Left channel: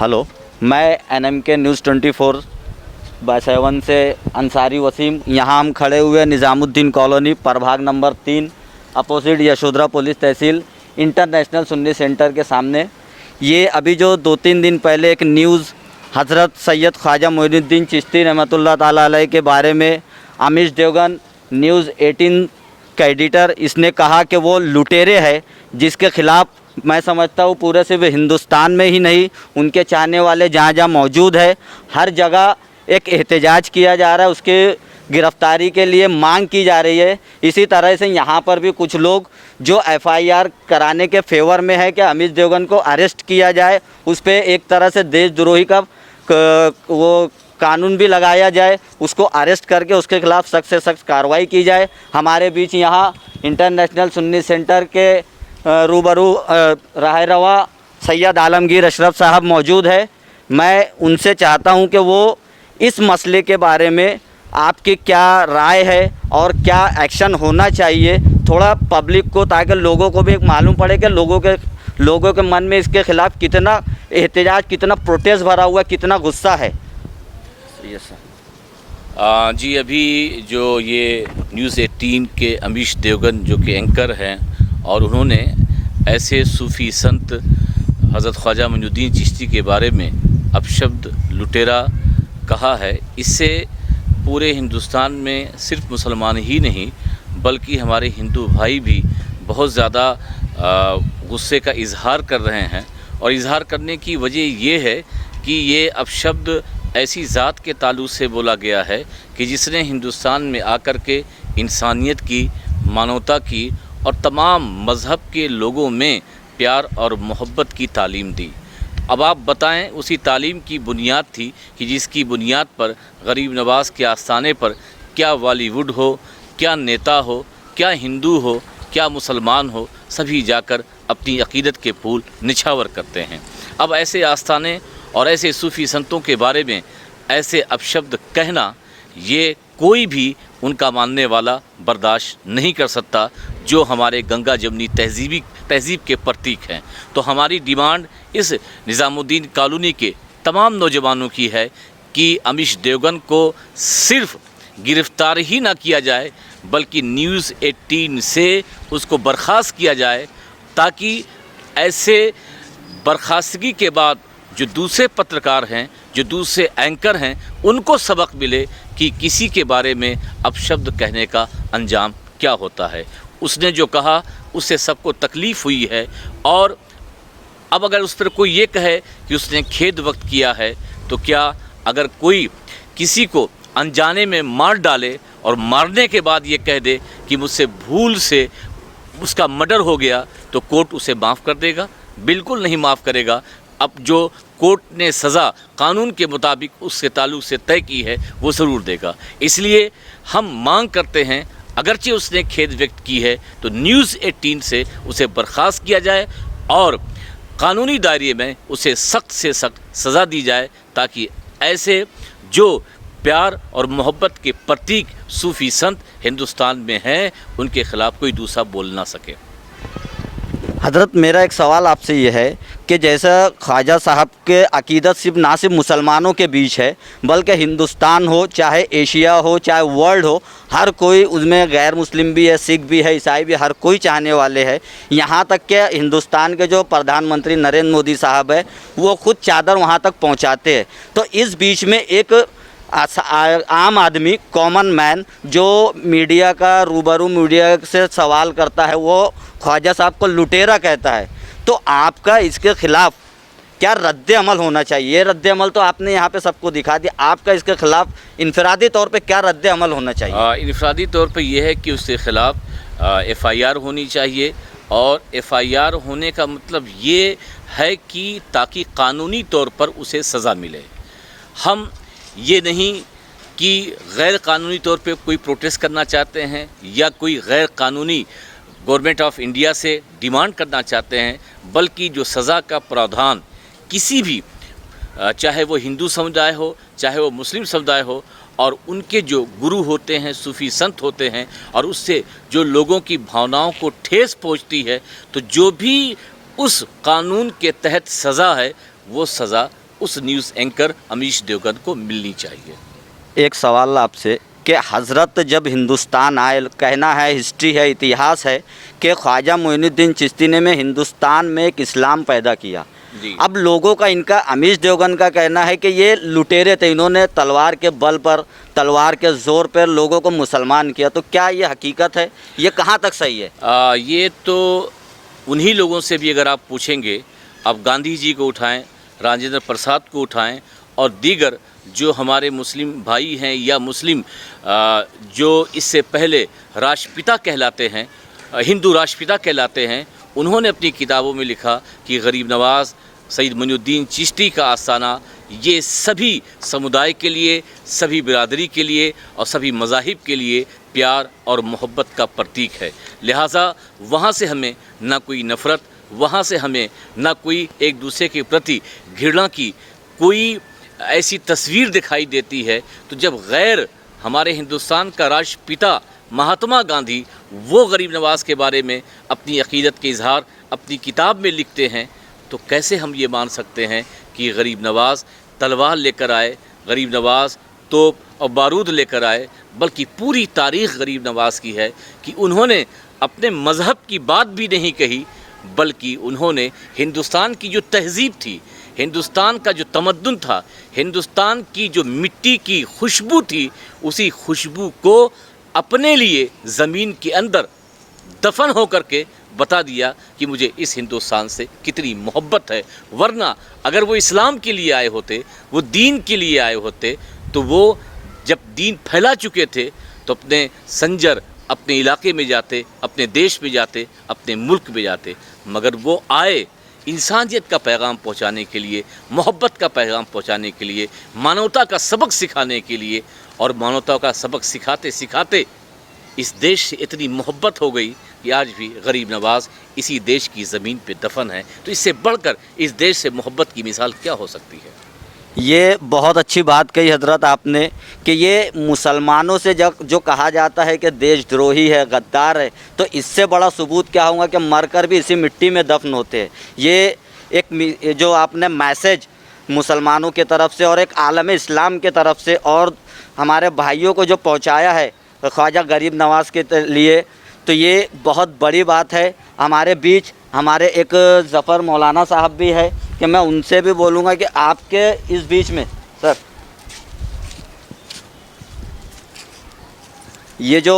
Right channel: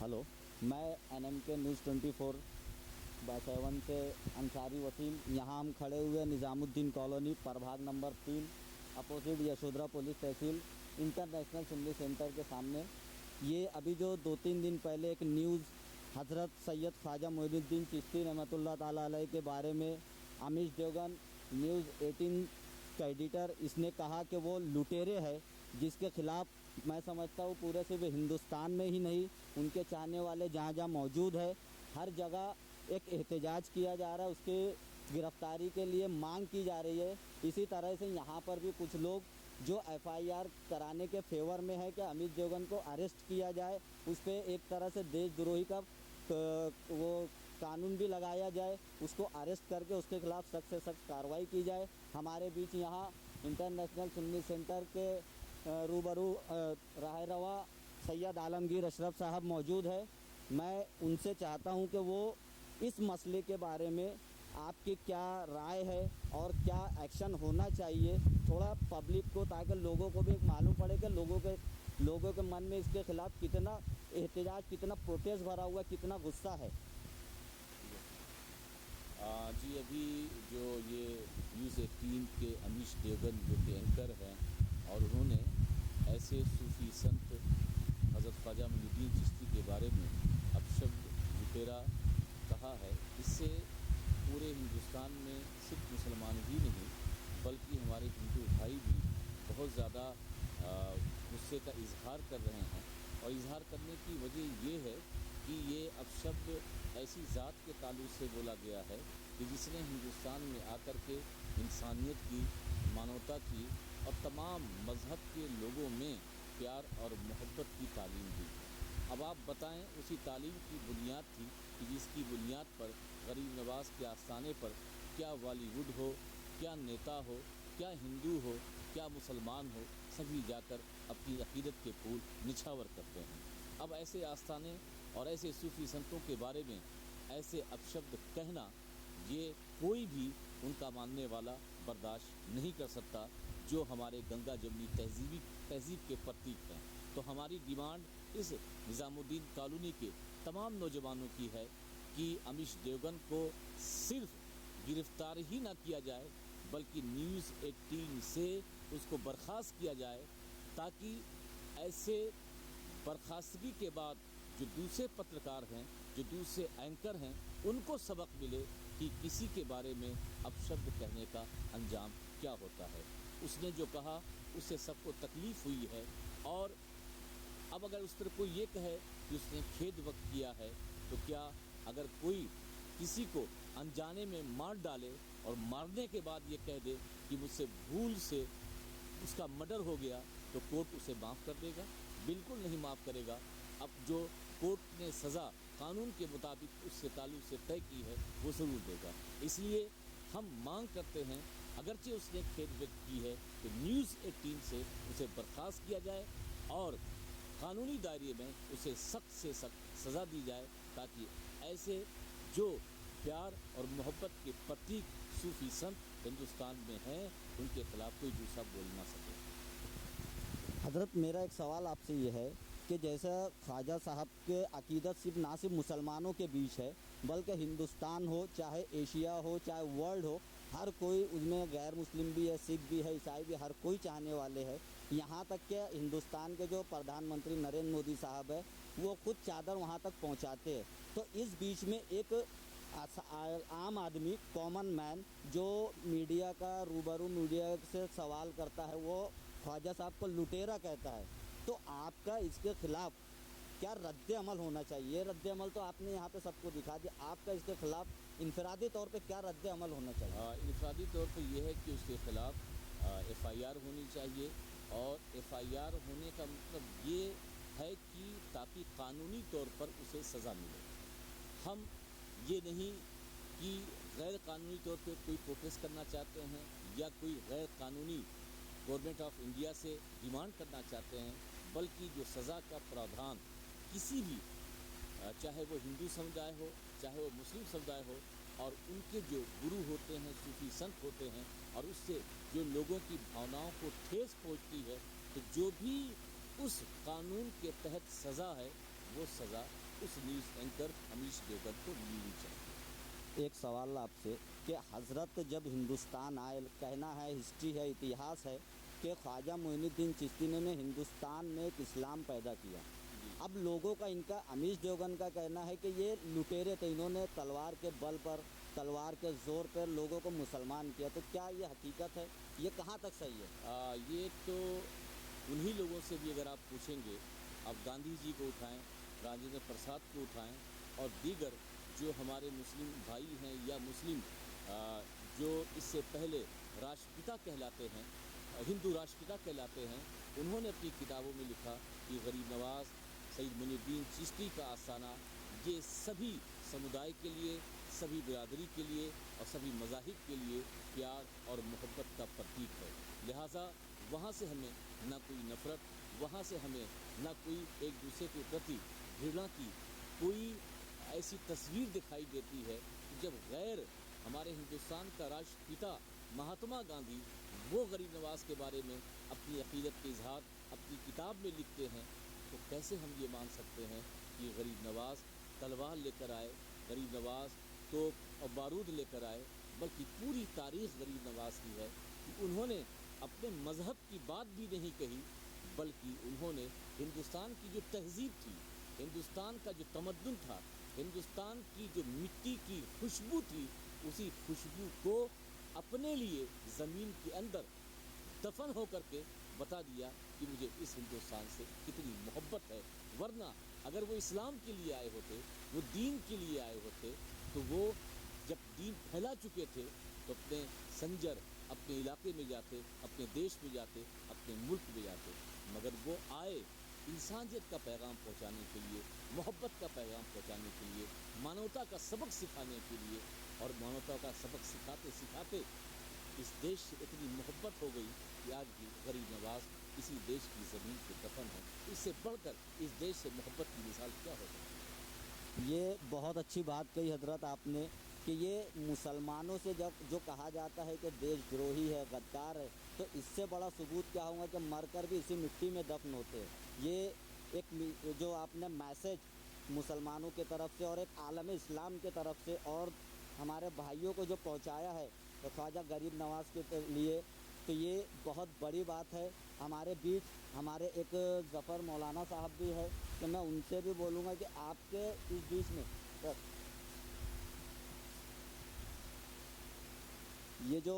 Hello, मैं NMK news 24/7 से अंसारी वसीम। यहाँ हम खड़े हुए निज़ामुद्दीन कॉलोनी, प्रभाग नंबर 3, अपोजिट यशोधरा पुलिस तहसील, इंटरनेशनल सुन्नी सेंटर के सामने। ये अभी जो 2-3 दिन पहले एक न्यूज़ हज़रत सैयद ख्वाजा मोइनुद्दीन चिश्ती रहमतुल्लाह ताला अलैह के बारे में अमीश देवगन न्यूज़ 18 का एडिटर, इसने कहा कि वो लुटेरे है, जिसके ख़िलाफ़ मैं समझता हूँ पूरे सिर्फ हिंदुस्तान में ही नहीं, उनके चाहने वाले जहाँ जहाँ मौजूद है हर जगह एक एहतजाज किया जा रहा है, उसके गिरफ़्तारी के लिए मांग की जा रही है। इसी तरह से यहाँ पर भी कुछ लोग जो FIR कराने के फेवर में है कि अमीश देवगन को अरेस्ट किया जाए, उस पर एक तरह से देशद्रोही का वो कानून भी लगाया जाए, उसको अरेस्ट करके उसके ख़िलाफ़ सख्त से सख्त कार्रवाई की जाए। हमारे बीच यहाँ इंटरनेशनल सुन्नी सेंटर के रूबरू राह रवा सैयद आलमगीर अशरफ साहब मौजूद है। मैं उनसे चाहता हूं कि वो इस मसले के बारे में आपकी क्या राय है और क्या एक्शन होना चाहिए थोड़ा पब्लिक को, ताकि लोगों को भी एक मालूम पड़े कि लोगों के मन में इसके ख़िलाफ़ कितना एहतजाज, कितना प्रोटेस्ट भरा हुआ, कितना गुस्सा है। Yes sir. जी, अभी जो ये न्यूज़ 18 के अमीश देवगन जो कि एंकर हैं, और उन्होंने ऐसे सूफ़ी संत हज़रत ख्वाजा मोइनुद्दीन चिश्ती के बारे में अपशब्द लुटेरा कहा है, इससे पूरे हिंदुस्तान में सिर्फ मुसलमान ही नहीं बल्कि हमारे हिंदू भाई भी बहुत ज़्यादा गुस्से का इजहार कर रहे हैं। और इजहार करने की वजह ये है कि ये अपशब्द ऐसी ज़ात के ताल्लुक़ से बोला गया है कि जिसने हिंदुस्तान में आकर के इंसानियत की, मानवता की और तमाम मज़हब के लोगों में प्यार और मोहब्बत की तालीम दी। अब आप बताएं, उसी तालीम की बुनियाद थी कि जिसकी बुनियाद पर गरीब नवाज़ के आस्थाने पर क्या बॉलीवुड हो, क्या नेता हो, क्या हिंदू हो, क्या मुसलमान हो, सभी जाकर अपनी अक़ीदत के फूल निछावर करते हैं। अब ऐसे आस्थाने और ऐसे सूफ़ी संतों के बारे में ऐसे अपशब्द कहना, ये कोई भी उनका मानने वाला बर्दाश्त नहीं कर सकता, जो हमारे गंगा जमनी तहज़ीब के प्रतीक हैं। तो हमारी डिमांड इस निज़ामुद्दीन कॉलोनी के तमाम नौजवानों की है कि अमीश देवगन को सिर्फ़ गिरफ़्तार ही ना किया जाए बल्कि न्यूज़ 18 से उसको बर्खास्त किया जाए, ताकि ऐसे बर्खास्तगी के बाद जो दूसरे पत्रकार हैं, जो दूसरे एंकर हैं, उनको सबक मिले कि किसी के बारे में अपशब्द कहने का अंजाम क्या होता है। उसने जो कहा उससे सबको तकलीफ़ हुई है, और अब अगर उस पर कोई ये कहे कि उसने खेद वक्त किया है, तो क्या अगर कोई किसी को अनजाने में मार डाले और मारने के बाद ये कह दे कि मुझसे भूल से उसका मर्डर हो गया, तो कोर्ट उसे माफ़ कर देगा? बिल्कुल नहीं माफ़ करेगा। अब जो कोर्ट ने सज़ा कानून के मुताबिक उसके ताल्लुक़ से तय की है वो ज़रूर देगा। इसलिए हम मांग करते हैं, अगरचे उसने खेद व्यक्त की है तो न्यूज़ 18 से उसे बर्खास्त किया जाए और कानूनी दायरे में उसे सख्त से सख्त सज़ा दी जाए, ताकि ऐसे जो प्यार और मोहब्बत के प्रतीक सूफ़ी संत हिंदुस्तान में हैं, उनके ख़िलाफ़ कोई दूसरा बोल ना सके। हज़रत, मेरा एक सवाल आपसे ये है कि जैसा ख्वाजा साहब के अक़ीदत सिर्फ ना सिर्फ मुसलमानों के बीच है बल्कि हिंदुस्तान हो, चाहे एशिया हो, चाहे वर्ल्ड हो, हर कोई उसमें, गैर मुस्लिम भी है, सिख भी है, ईसाई भी, हर कोई चाहने वाले हैं। यहाँ तक कि हिंदुस्तान के जो प्रधानमंत्री नरेंद्र मोदी साहब है वो खुद चादर वहाँ तक पहुँचाते हैं। तो इस बीच में एक आम आदमी, कॉमन मैन, जो मीडिया का रूबरू मीडिया से सवाल करता है, वो ख्वाजा साहब को लुटेरा कहता है। तो आपका इसके ख़िलाफ़ क्या रद्द अमल होना चाहिए? ये रद्द अमल तो आपने यहाँ पे सबको दिखा दिया, आपका इसके ख़िलाफ़ इनफरादी तौर पे क्या रद्द अमल होना चाहिए? इनफरादी तौर पे ये है कि उसके ख़िलाफ़ FIR होनी चाहिए, और FIR होने का मतलब ये है कि ताकि कानूनी तौर पर उसे सज़ा मिले। हम ये नहीं कि गैर कानूनी तौर पे कोई प्रोटेस्ट करना चाहते हैं या कोई गैर कानूनी गवर्नमेंट ऑफ इंडिया से डिमांड करना चाहते हैं, बल्कि जो सज़ा का प्रावधान किसी भी, चाहे वो हिंदू समुदाय हो, चाहे वो मुस्लिम समुदाय हो, और उनके जो गुरु होते हैं, सूफ़ी संत होते हैं, और उससे जो लोगों की भावनाओं को ठेस पहुंचती है, तो जो भी उस कानून के तहत सज़ा है वो सज़ा उस न्यूज़ एंकर अमीश देवगन को मिलनी चाहिए। एक सवाल आपसे कि हज़रत जब हिंदुस्तान आए, कहना है, हिस्ट्री है, इतिहास है कि ख्वाजा मोइनुद्दीन चिश्ती ने में हिंदुस्तान में एक इस्लाम पैदा किया। जी। अब लोगों का, इनका अमीश देवगन का कहना है कि ये लुटेरे थे, इन्होंने तलवार के बल पर, तलवार के ज़ोर पर लोगों को मुसलमान किया। तो क्या ये हकीकत है? ये कहाँ तक सही है? ये तो उन्हीं लोगों से भी अगर आप पूछेंगे, आप गांधी जी को उठाएं, राजेंद्र प्रसाद को उठाएं और दीगर जो हमारे मुस्लिम भाई हैं या मुस्लिम जो इससे पहले राष्ट्रपिता कहलाते हैं, हिंदू राष्ट्रपिता कहलाते हैं, उन्होंने अपनी किताबों में लिखा कि गरीब नवाज़, सईद मोइनुद्दीन चिश्ती का आस्थाना ये सभी समुदाय के लिए, सभी बिरादरी के लिए और सभी मज़ाहिब के लिए प्यार और मोहब्बत का प्रतीक है। लिहाजा वहाँ से हमें ना कोई नफ़रत, वहाँ से हमें ना कोई एक दूसरे के प्रति घृणा की कोई ऐसी तस्वीर दिखाई देती है। तो जब गैर हमारे हिंदुस्तान का राष्ट्रपिता महात्मा गांधी वो गरीब नवाज़ के बारे में अपनी अक़ीदत के इजहार अपनी किताब में लिखते हैं, तो कैसे हम ये मान सकते हैं कि गरीब नवाज़ तलवार लेकर आए, गरीब नवाज़ तोप और बारूद लेकर आए? बल्कि पूरी तारीख़ गरीब नवाज़ की है कि उन्होंने अपने मज़हब की बात भी नहीं कही, बल्कि उन्होंने हिंदुस्तान की जो तहज़ीब थी, हिंदुस्तान का जो तमद्दुन था, हिंदुस्तान की जो मिट्टी की खुशबू थी, उसी खुशबू को अपने लिए ज़मीन के अंदर दफन हो करके बता दिया कि मुझे इस हिंदुस्तान से कितनी मोहब्बत है। वरना अगर वो इस्लाम के लिए आए होते, वो दीन के लिए आए होते, तो वो जब दीन फैला चुके थे तो अपने संजर अपने इलाके में जाते, अपने देश में जाते, अपने मुल्क में जाते। मगर वो आए इंसानियत का पैगाम पहुंचाने के लिए, मोहब्बत का पैगाम पहुंचाने के लिए, मानवता का सबक सिखाने के लिए। और मानवता का सबक सिखाते सिखाते इस देश से इतनी मोहब्बत हो गई कि आज भी गरीब नवाज़ इसी देश की ज़मीन पे दफन है। तो इससे बढ़कर इस देश से मोहब्बत की मिसाल क्या हो सकती है? ये बहुत अच्छी बात कही हज़रत आपने कि ये मुसलमानों से जो कहा जाता है कि देशद्रोही है, गद्दार है, तो इससे बड़ा सबूत क्या होगा कि मरकर भी इसी मिट्टी में दफन होते हैं। ये एक जो आपने मैसेज मुसलमानों की तरफ से और एक आलम इस्लाम के तरफ से और हमारे भाइयों को जो पहुंचाया है ख्वाजा गरीब नवाज़ के लिए, तो ये बहुत बड़ी बात है। हमारे बीच हमारे एक ज़फ़र मौलाना साहब भी है कि मैं उनसे भी बोलूँगा कि आपके इस बीच में सर, ये जो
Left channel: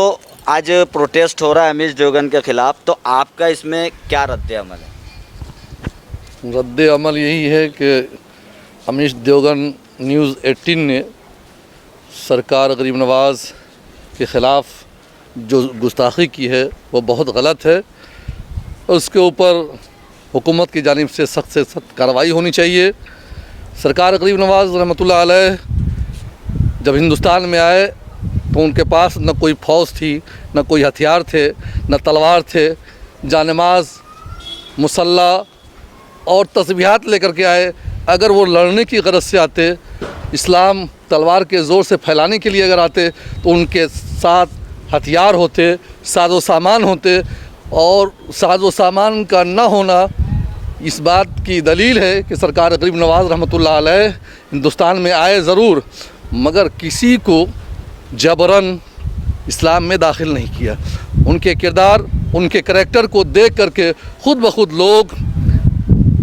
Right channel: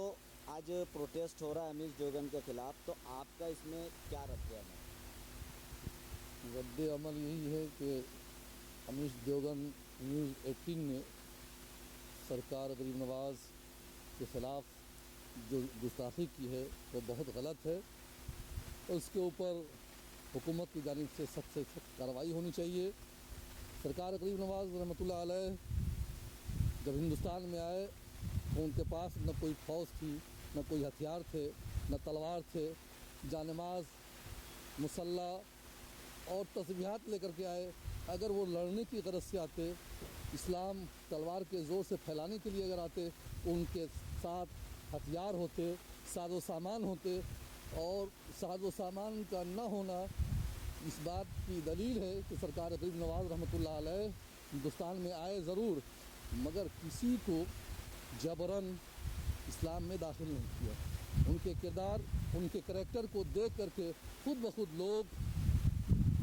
आज प्रोटेस्ट हो रहा है अमीश देवगन के ख़िलाफ़, तो आपका इसमें क्या रद्द अमल है? रद्द अमल यही है कि अमीश देवगन न्यूज़ 18 ने सरकार गरीब नवाज़ के ख़िलाफ़ जो गुस्ताखी की है वो बहुत गलत है। उसके ऊपर हुकूमत की जानिब से सख्त कार्रवाई होनी चाहिए। सरकार गरीब नवाज़ रहमतुल्लाह अलैह जब हिंदुस्तान में आए तो उनके पास न कोई फ़ौज थी, न कोई हथियार थे, न तलवार थे। जानमाज, मुसल्ला और तस्बीहात लेकर के आए। अगर वो लड़ने की गरज से आते, इस्लाम तलवार के ज़ोर से फैलाने के लिए अगर आते, तो उनके साथ हथियार होते, साजो सामान होते। और साजो सामान का ना होना इस बात की दलील है कि सरकार गरीब नवाज़ रहमतुल्लाह अलैह हिंदुस्तान में आए ज़रूर, मगर किसी को जबरन इस्लाम में दाखिल नहीं किया। उनके किरदार, उनके करैक्टर को देख करके ख़ुद ब खुद लोग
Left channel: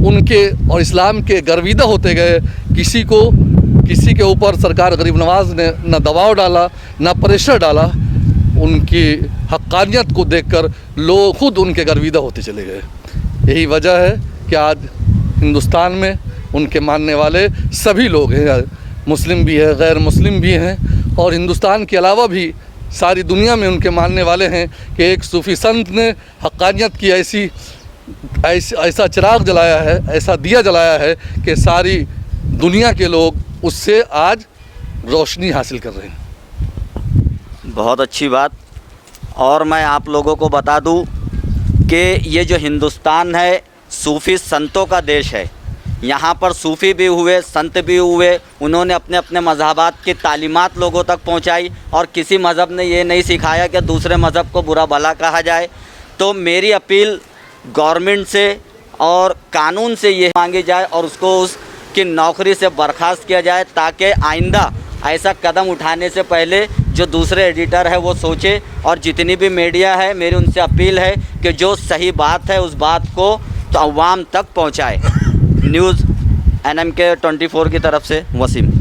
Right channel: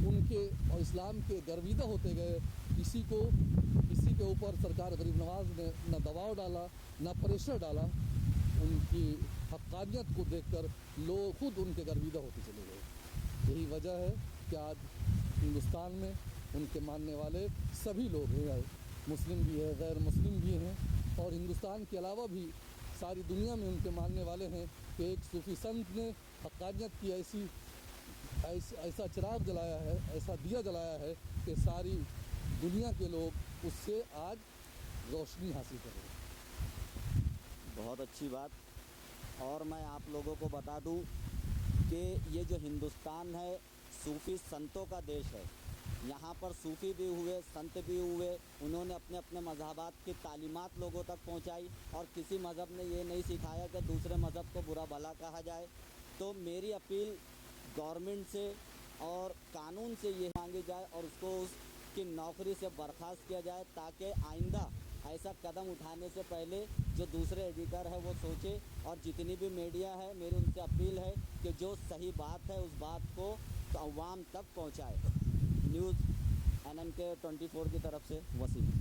उनके और इस्लाम के गर्विदा होते गए। किसी के ऊपर सरकार गरीब नवाज़ ने न दबाव डाला, न प्रेशर डाला। उनकी हक़ानियत को देखकर लोग खुद उनके गर्विदा होते चले गए। यही वजह है कि आज हिंदुस्तान में उनके मानने वाले सभी लोग हैं, मुस्लिम भी है, गैर मुस्लिम भी हैं, और हिंदुस्तान के अलावा भी सारी दुनिया में उनके मानने वाले हैं कि एक सूफ़ी संत ने हक़ानियत की ऐसा चिराग जलाया है, ऐसा दिया जलाया है कि सारी दुनिया के लोग उससे आज रोशनी हासिल कर रहे हैं। बहुत अच्छी बात। और मैं आप लोगों को बता दूं कि ये जो हिंदुस्तान है सूफ़ी संतों का देश है। यहाँ पर सूफ़ी भी हुए, संत भी हुए, उन्होंने अपने अपने मज़हबात की तालीमात लोगों तक पहुँचाई और किसी मज़हब ने ये नहीं सिखाया कि दूसरे मज़हब को बुरा भला कहा जाए। तो मेरी अपील गवर्नमेंट से और कानून से ये मांगी जाए और उसको उस कि नौकरी से बर्खास्त किया जाए, ताकि आइंदा ऐसा कदम उठाने से पहले जो दूसरे एडिटर है वो सोचे। और जितनी भी मीडिया है, मेरी उनसे अपील है कि जो सही बात है उस बात को तो अवाम तक पहुंचाए। न्यूज़ NMK 24 की तरफ से वसीम।